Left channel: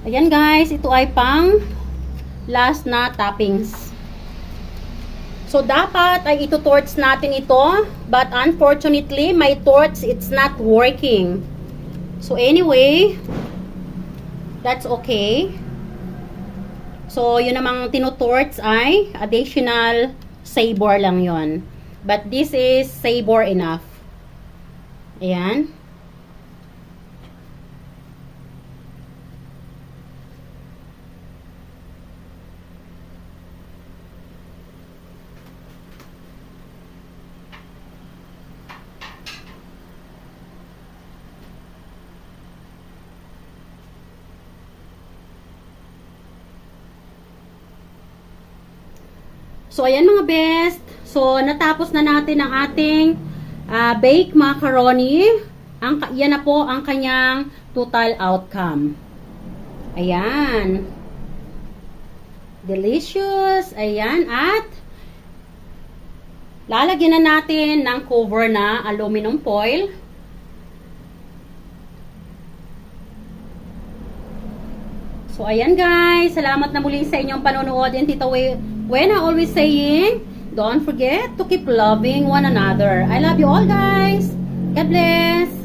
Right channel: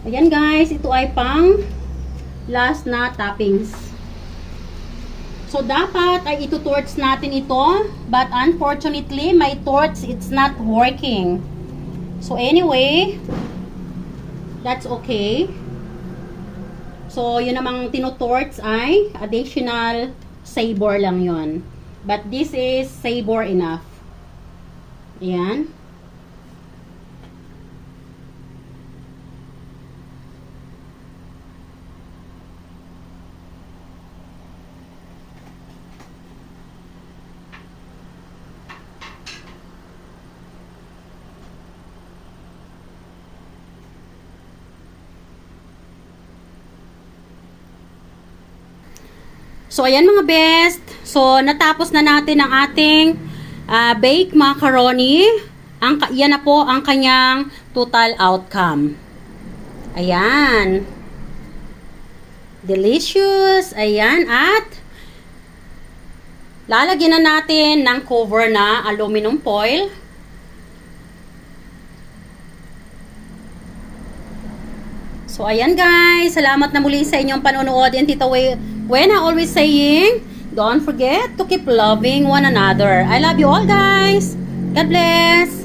Ayan guys, ito ay pang last na toppings. So, dapat ay ito-torch natin ito. But unfortunately, my torch, it's not working. So, anyway, that's okay. So, yun namang tinutorch ay additional sabor lang yon. But this is sabor enough. Ayan. So, ayan mga best. So, natapos na natin ang ating baked macaroni. Yan na po ang kanyang total outcome. Ayan. Delicious. Ayan. At lalagyan na natin ng cover na aluminum foil. So, ayan guys. Salamat na muli sa inyong panonood. And Tita Wena always saying, don't forget to keep loving one another. I love you all guys. God bless.